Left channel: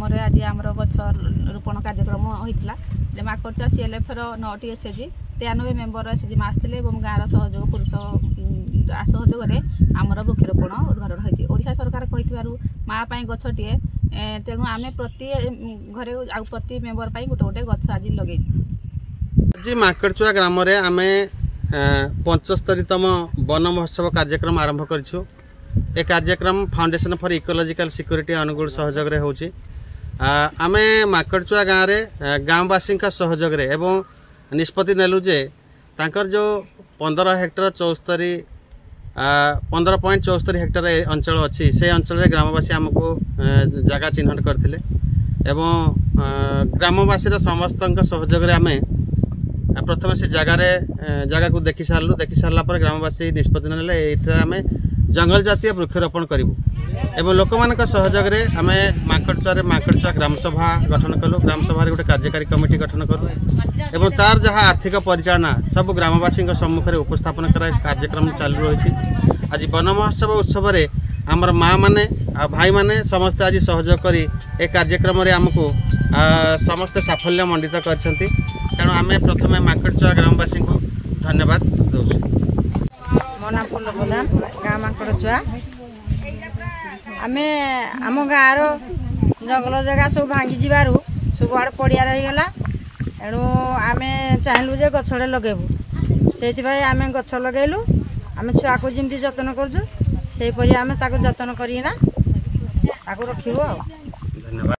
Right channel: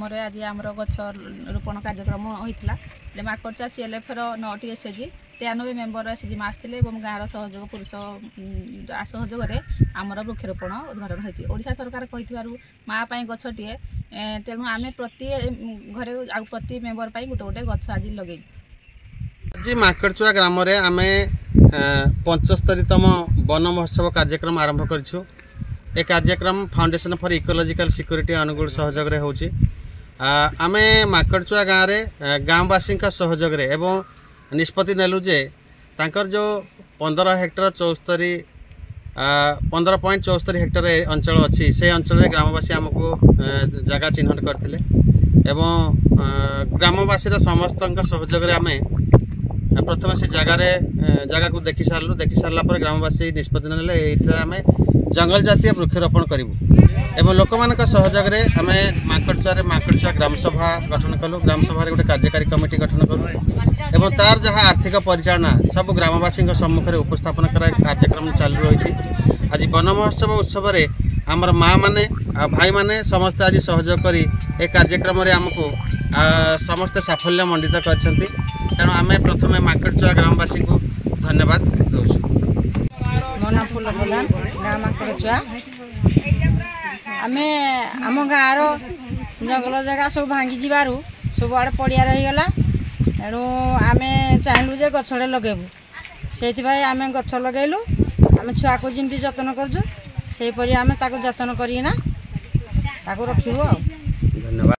ग्राम आज आम गछ रोपण कार्यक्रम होता माकड़चा CLF 9टी SHG 93 मेम्बर SHG आसते गाँव सहयोग पुरुष सहयोग आमर वृक्षरोपण उद्घाटन होती। ओडिशा सरकार कही माँ गछटे तेणु आम प्रति घरे प्रति मेम्बर गोटे गोटे गछ आज लगे। आज माकड़चुआ ग्राम आम 75तम वन महोत्सव कार्यक्रम आरंभ करूँ। ए कार्यक्रम foundation for ecological security Angul सहयोग होची। आम माकड़चुआ गाँव में गाँववासी सहयोग एवं निष्पत्ति नेलु जे तांकर जो 15 हेक्टर 15.74 हेक्टर अंचल अच्छी से अंचल ग्रामवासी आमको जगह चिन्हट करते ग्रामवासी समस्त सहयोग आम प्रथम से जगह को देखी सारापर ग्रामवासी निष्पत्ति ने आम जंगल जातीय वृक्षरोपण करूँ एवं लोक मान सहयोग आम माकड़चुआ ग्राम सभा गठन कलु। ग्राम सभा गोटे कार्यकारी कमिटी गठन करूँ एवं तार जहाँ आर्थिक परिचालना सब ग्रामवासी सम्मुख में उपस्थापन कर कार्यक्रम चालू रही। आज वन महोत्सव उत्सव आमर माँ मैंने भाई मैंने समस्ते आज सहयोग कर कार्यक्रम आमको समस्ते साफल्य मंडित कर तेणु आम प्रथम माकड़चुआ ग्रामवासी को धन्यवाद दौर। मो ना फूल प्रधान गाँ माकड़चुआ आम आम गाँव जंगल जगह सब भांगी जीवार सब आड़े पड़िया रहीगला तेणु आम चाहलु जे गछड़े लगेबू से आम गछ लगेलु। आम छुआ को जमी जतन करूँ से आम जतन करना रखू।